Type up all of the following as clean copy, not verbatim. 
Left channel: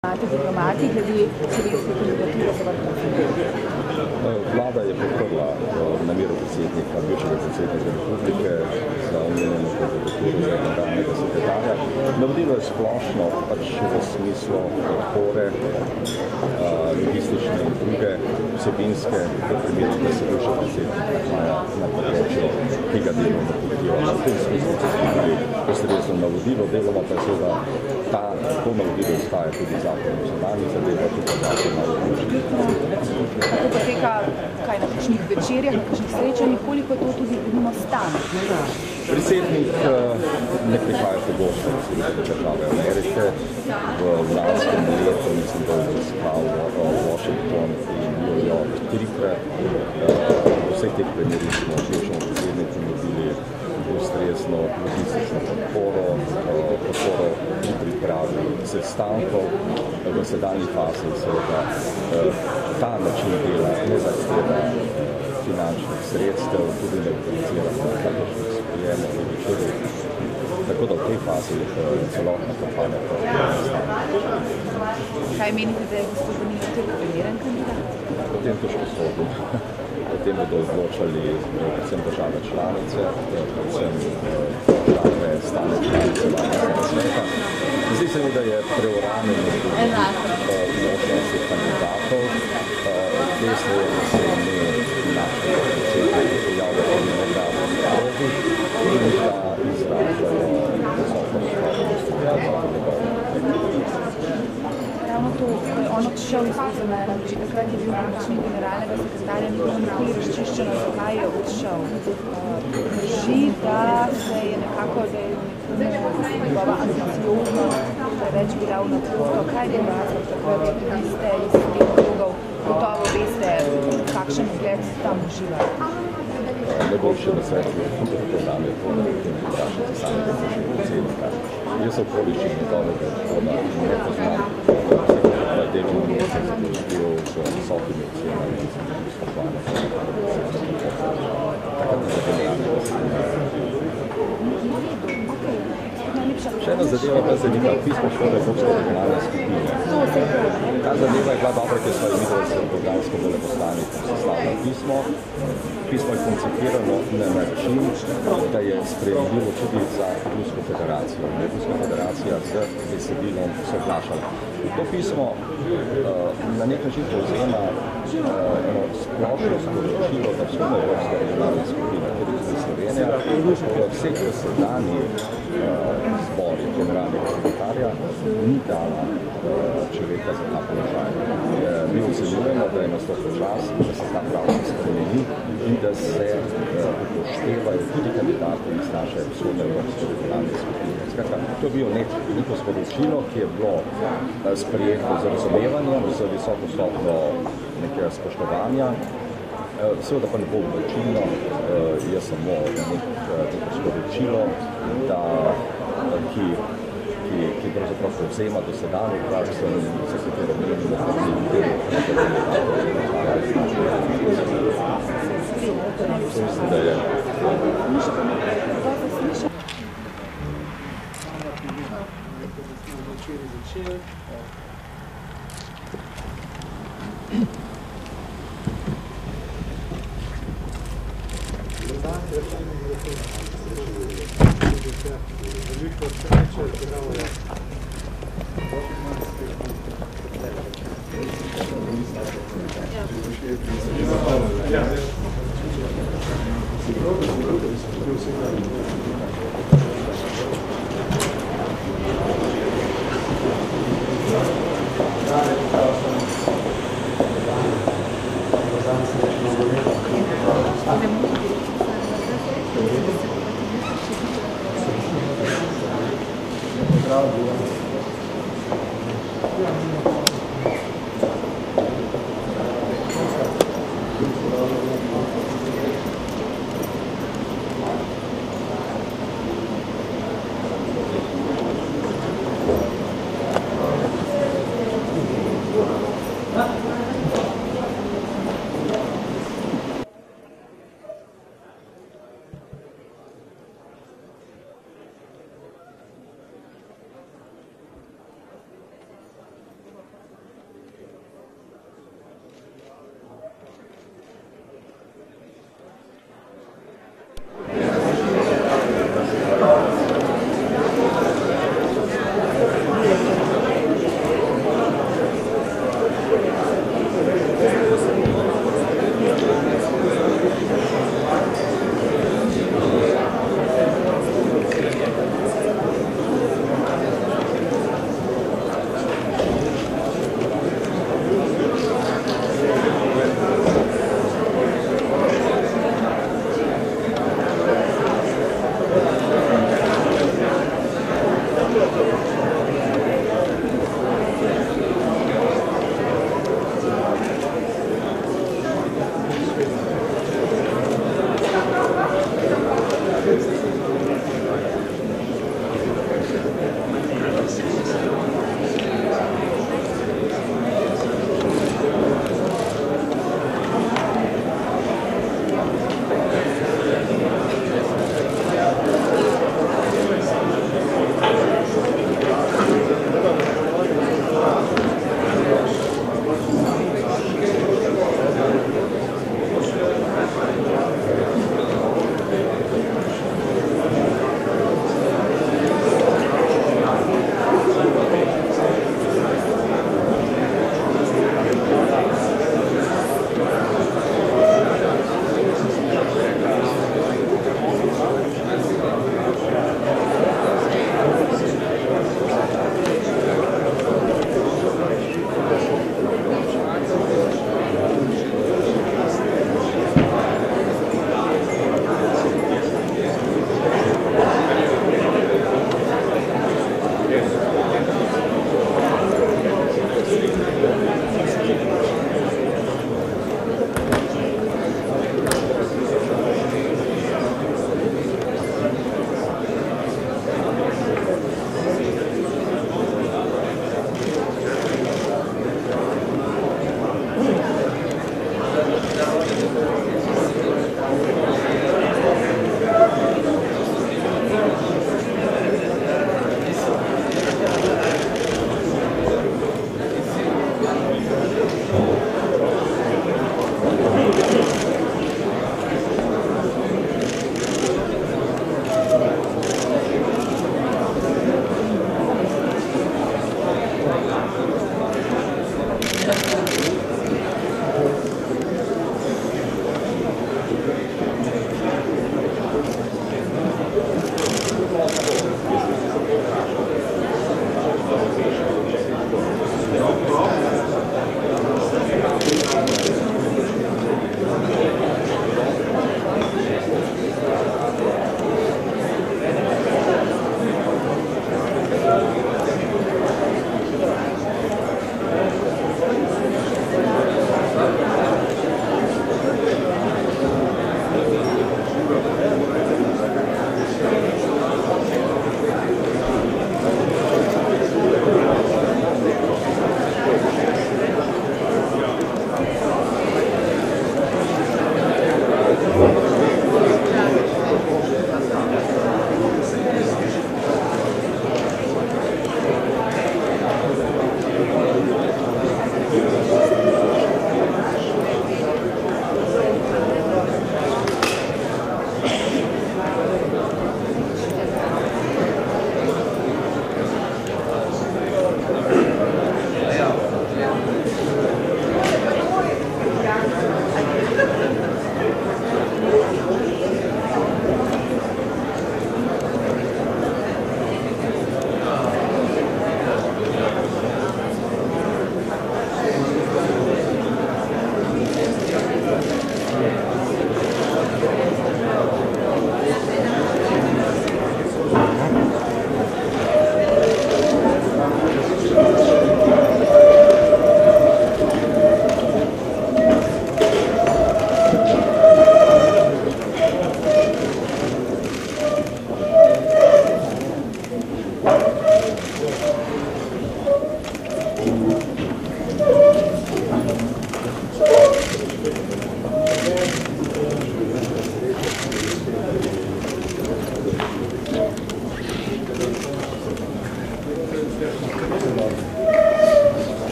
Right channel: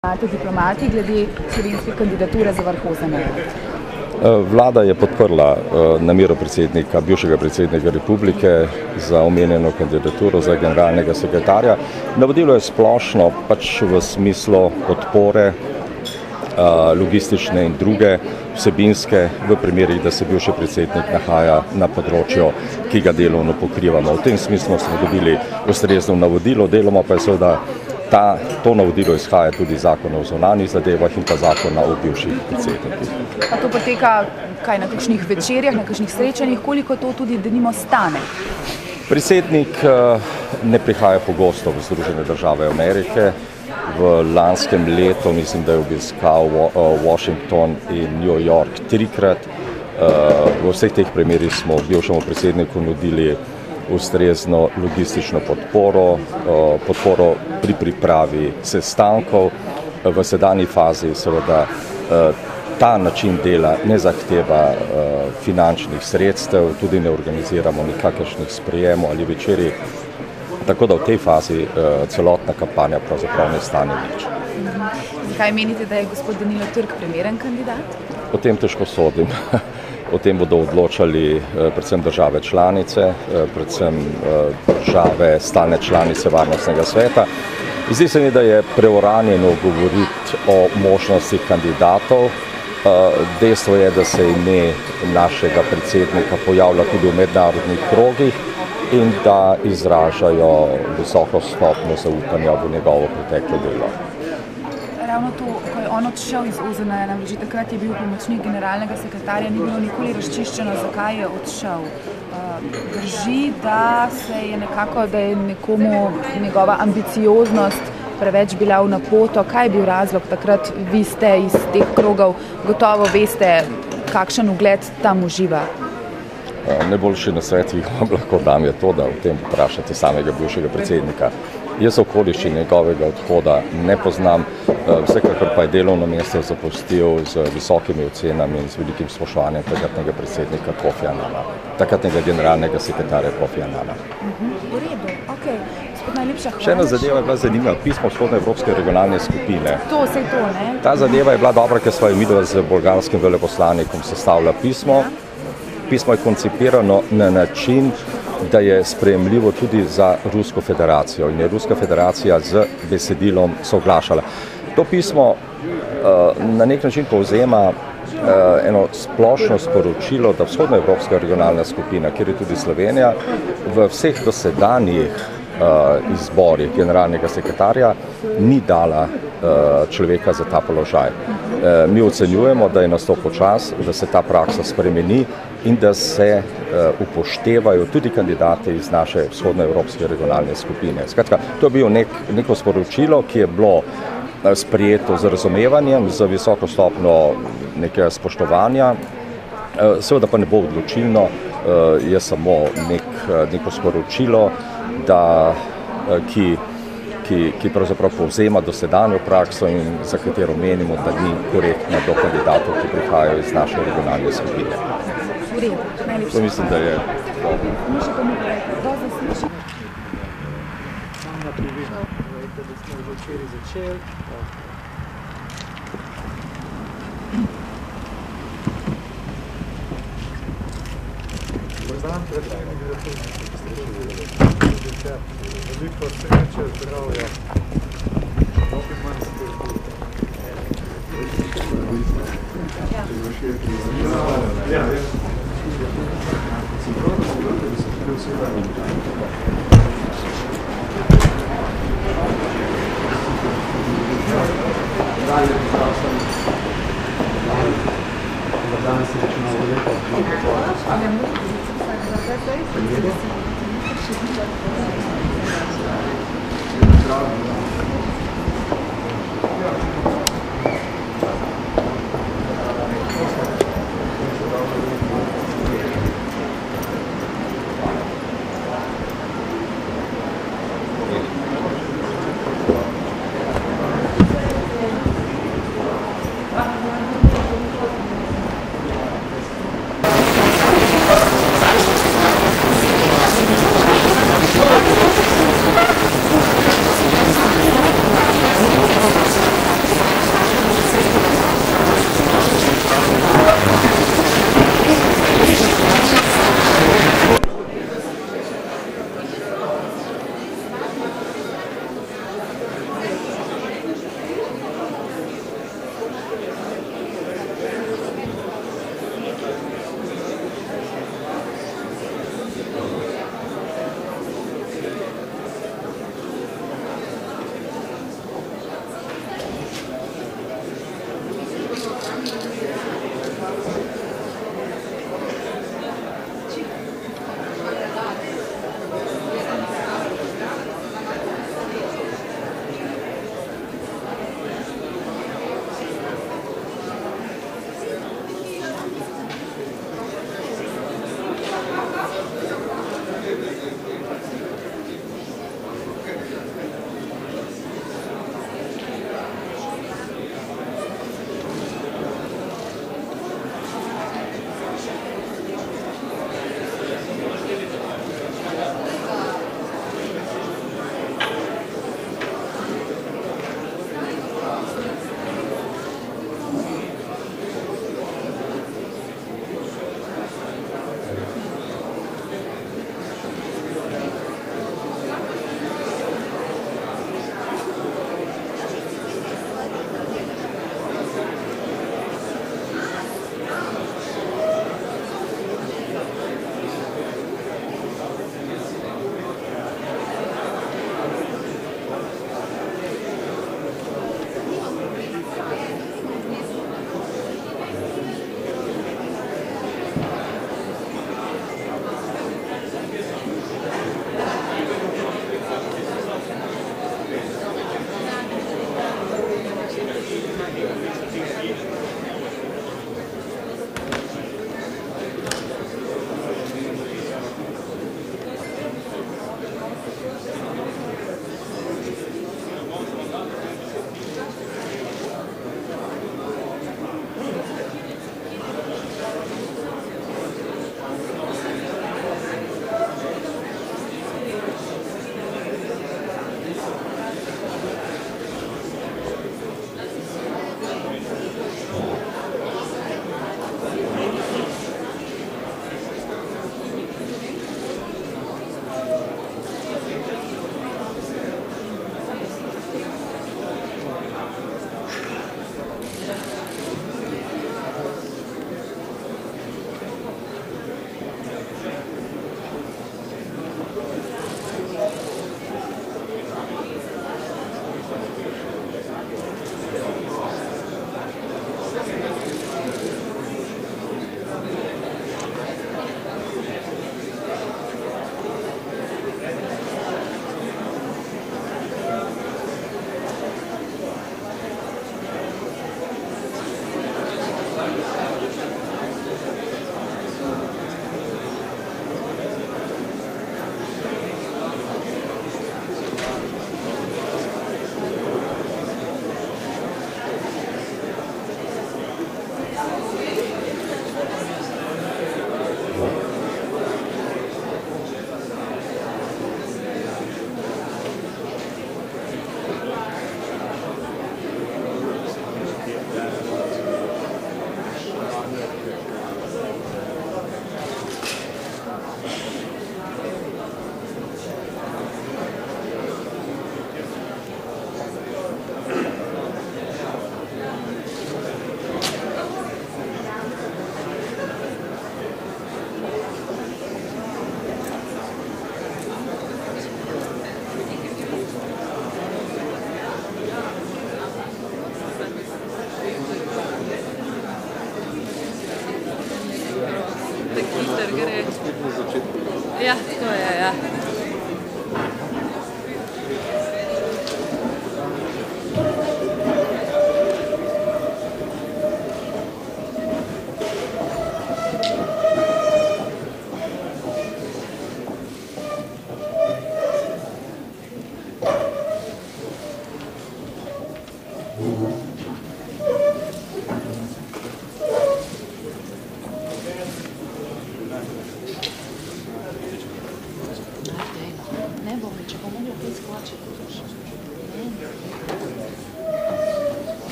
Diplomati glede slovenske kandidature za vrh OZN? Vlada je podprla namero bivšega predsednika republike za omenjeno kandidaturo za generalnega sekretarja. Navodilo je splošno pač v smislu podpore logistične in druge vsebinske v primerih, da se bivši predsednik nahaja na področju, ki ga delovno pokrivamo. V tem smislu smo dobili ustrezno navodilo, deloma pa je seveda to navodilo izhaja tudi zakon o zunanjih zadevah in pa zakon o bivših predsednikih. A to poteka kaj, na kakšnih večerjah, na kakšnih srečanjih, koliko to tudi denimo stane? Predsednik ne prihaja pogosto v Združene države Amerike. V lanskem letu mislim, da je obiskal Washington in New York 3-krat. V vseh teh primerih smo bivšemu predsedniku nudili ustrezno logistično podporo pri pripravi sestankov. V sedanji fazi seveda ta način dela ne zahteva finančnih sredstev, tudi ne organiziramo nikakršnih sprejemov ali večerij, tako da v tej fazi celotna kampanja pravzaprav ne stane več. Kaj menite, da je gospod Danilo Türk primeren kandidat? O tem težko sodim. O tem bodo odločali predvsem države članice, predvsem države stalne članice Varnostnega sveta. Zdi se mi, da je preuranjeno govoriti o možnostih kandidatov. Dejstvo je, da se ime našega predsednika pojavlja tudi v mednarodnih krogih in da izražajo visoko stopnjo zaupanja v njegovo preteklo delo. Ravno to, ko je on odšel iz OZN, že takrat je bil pomočnik generalnega sekretarja, ni bilo nikoli razčiščeno, zakaj je odšel. Drži, da je nekomu njegova ambicioznost preveč bila v napoto. Kaj je bil razlog takrat? Vi ste iz teh krogov, gotovo veste, kakšen ugled tam uživa. Najboljši nasvet, ki vam lahko dam, je to, da o tem vprašate samega bivšega predsednika. Jaz okoliščin njegovega odhoda ne poznam, vsekakor pa je delovno mesto zapustil z visokimi ocenami in z velikim spoštovanjem takratnega predsednika Kofi Annana, takratnega generalnega sekretarja Kofi Annana. Še ena zadeva je bila zanimiva, pismo Vzhodnoevropske regionalne skupine. Ta zadeva je bila dobra, ker sva midva z bolgarskim veleposlanikom sestavila pismo. Pismo je koncipirano na način, da je sprejemljivo tudi za Rusko federacijo in je Ruska federacija z besedilom soglašala. To pismo na nek način povzema eno splošno sporočilo, da Vzhodnoevropska regionalna skupina, kjer je tudi Slovenija, v vseh dosedanjih izborih generalnega sekretarja ni dala človeka za ta položaj. Mi ocenjujemo, da je nastopil čas, da se ta praksa spremeni in da se upoštevajo tudi kandidati iz naše vzhodnoevropske regionalne skupine. Skratka, to je bilo neko sporočilo, ki je bilo sprejeto z razumevanjem, z visoko stopnjo nekega spoštovanja. Seveda pa ne bo odločilno, je samo neko sporočilo, ki pravzaprav povzema dosedanjo prakso in za katero menimo, da ni korektno do kandidatov, ki prihajajo iz naše regionalne skupine. To mislim, da je Veliko sreče, zdravja.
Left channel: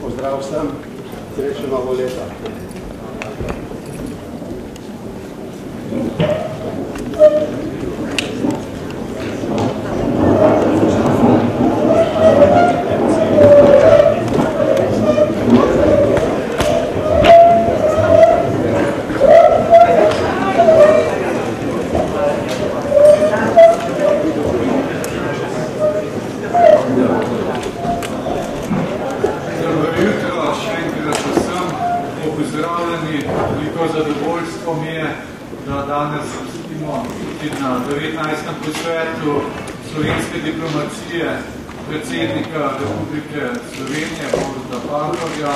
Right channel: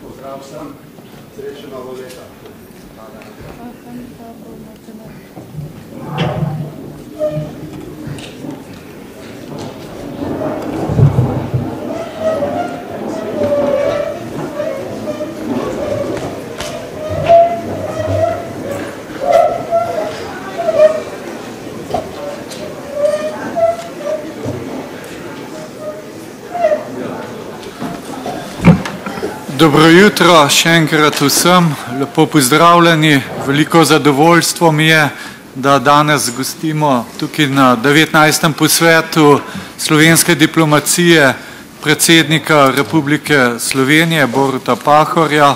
Pozdrav vsem, srečno novo leto. Dobro jutro, še enkrat vsem, lepo pozdravljeni. Veliko zadovoljstvo mi je, da danes gostimo tukaj na 19. posvetu slovenske diplomacije predsednika Republike Slovenije, Boruta Pahorja,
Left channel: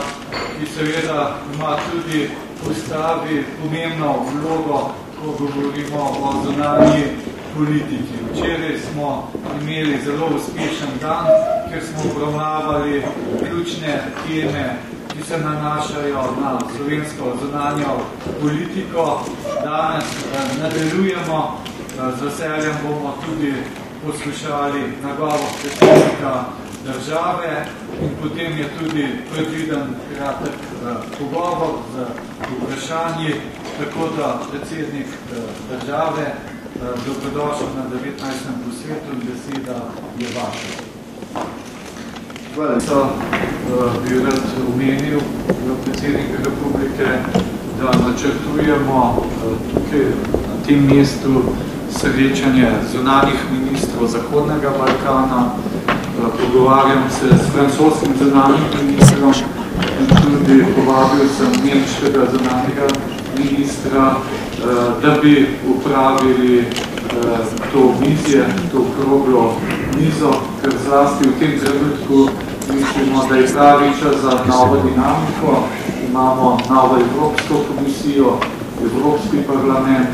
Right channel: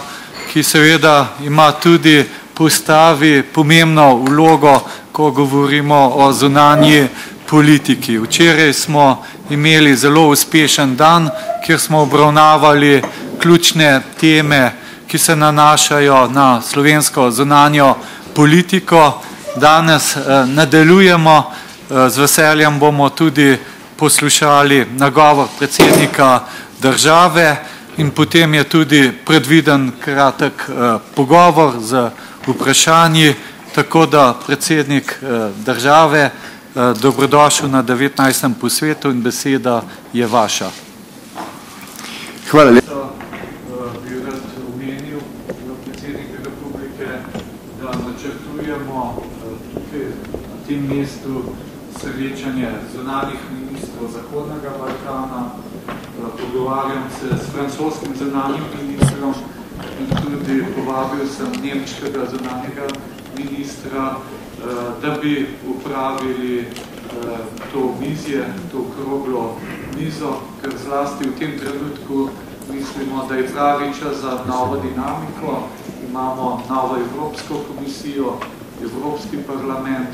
ki seveda ima tudi postavi pomembno vlogo, ko govorimo o zunanji politiki. Včeraj smo imeli zelo uspešen dan, kjer smo obravnavali ključne teme, ki se nanašajo na slovensko zunanjo politiko. Danes nadaljujemo, z veseljem bomo tudi poslušali nagovor predsednika države in potem je tudi predviden kratek pogovor z vprašanji, tako da predsednik države, dobrodošel na 19. posvetu in beseda je vaša. Hvala lepa. Bi rad omenil predsednik Republike, da načrtujemo tukaj na tem mestu srečanje zunanjih ministrov Zahodnega Balkana. Pogovarjam se s francoskim zunanjim ministrom in tudi povabil sem nemškega zunanjega ministra, da bi upravili to vizije, to okroglo mizo, ker zlasti v tem trenutku mislimo, da je pravi čas za novo dinamiko. Imamo novo Evropsko komisijo, Evropski parlament,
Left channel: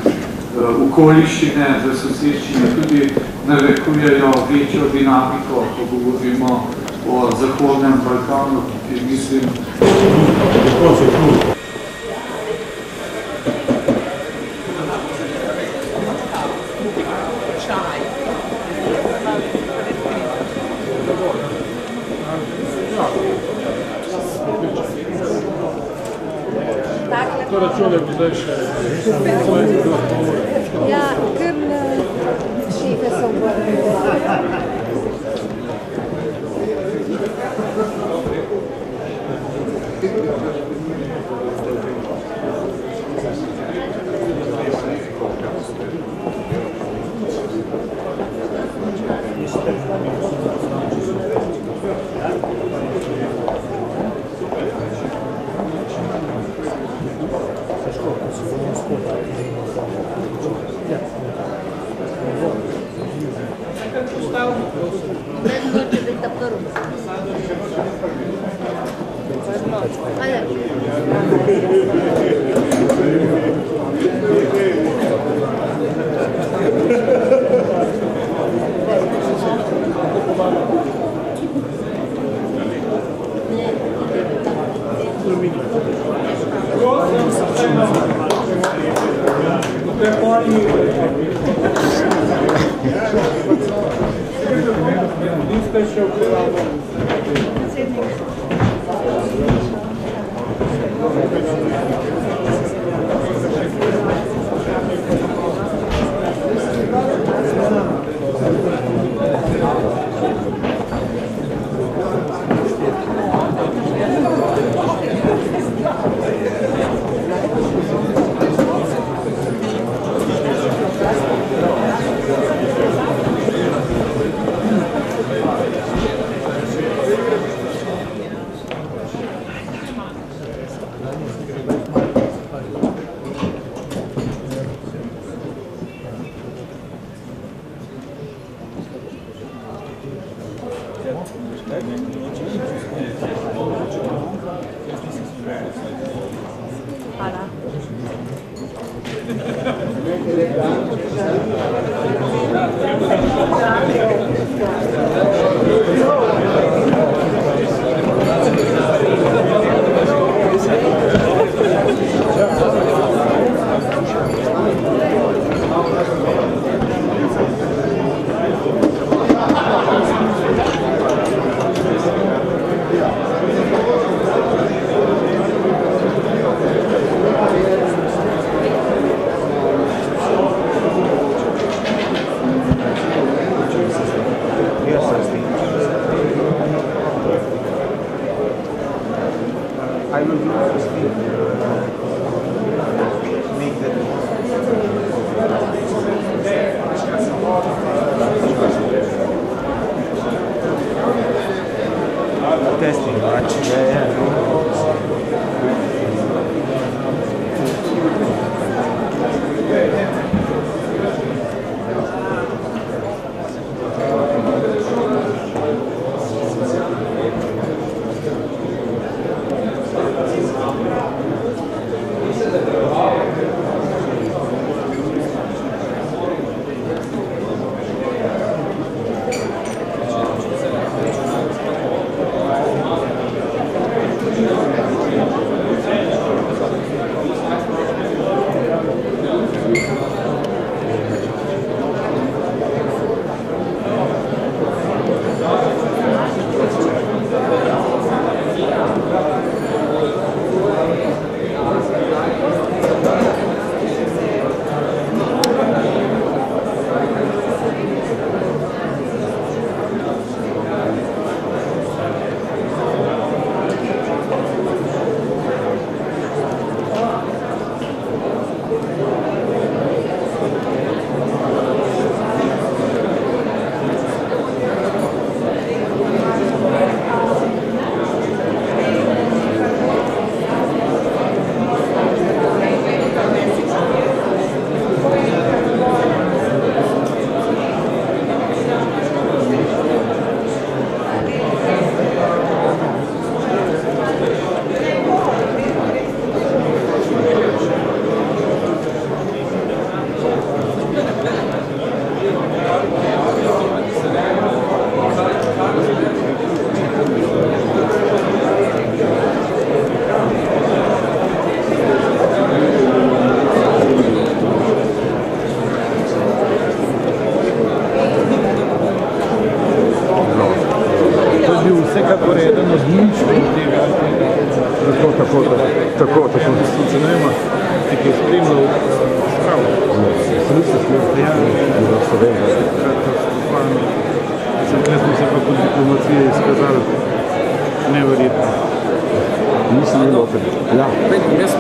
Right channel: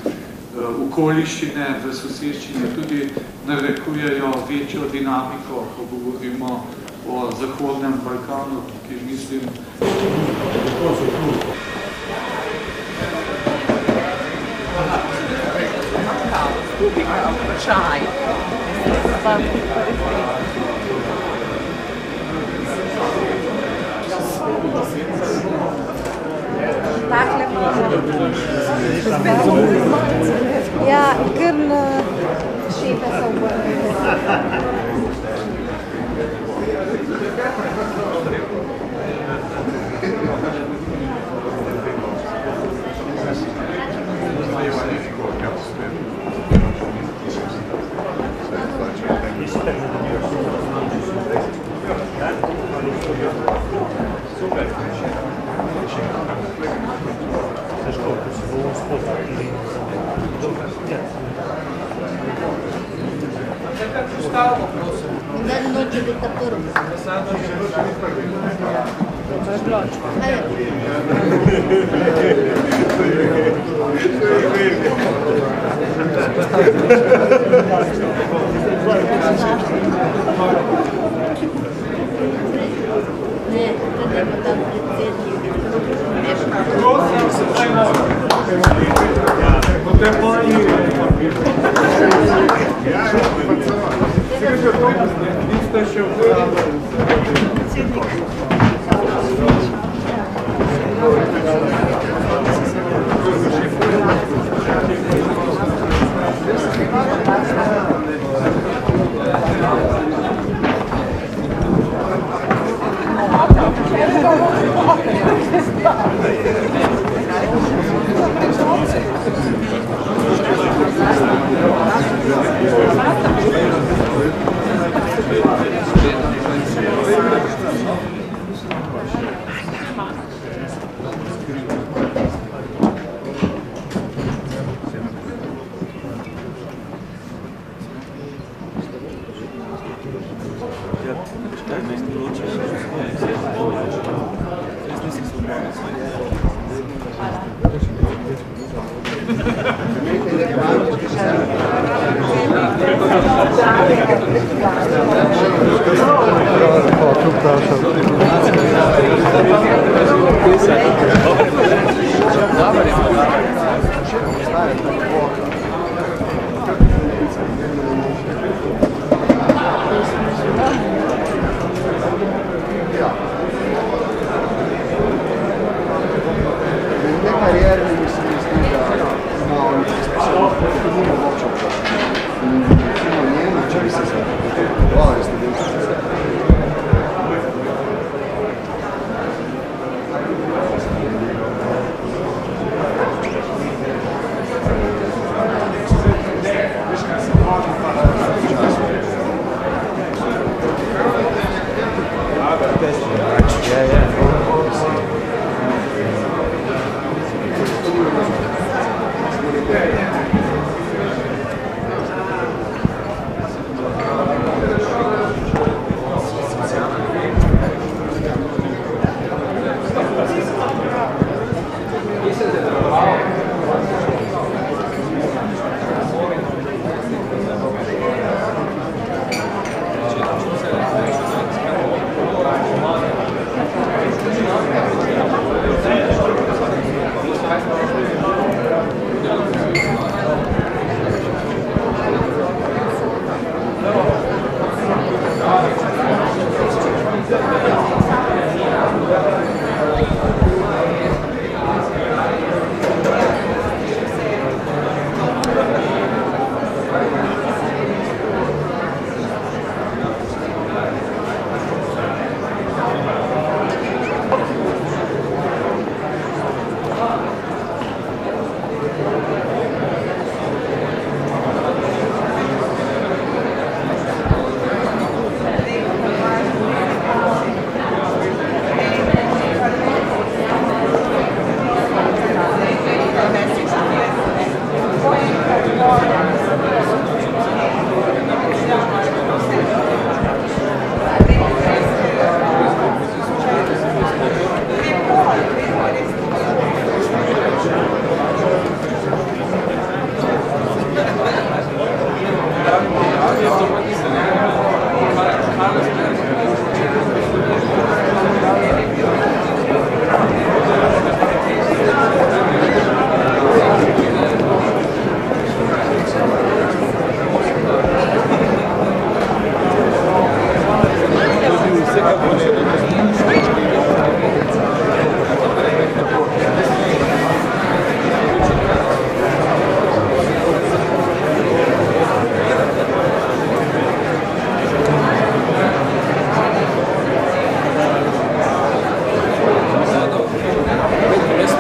okoliščine v soseščini tudi narekujejo večjo dinamiko, ko govorimo o Zahodnem Balkanu, ki mislim, Ja, ker na šefe se obrnili.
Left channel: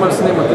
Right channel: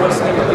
malo snemati.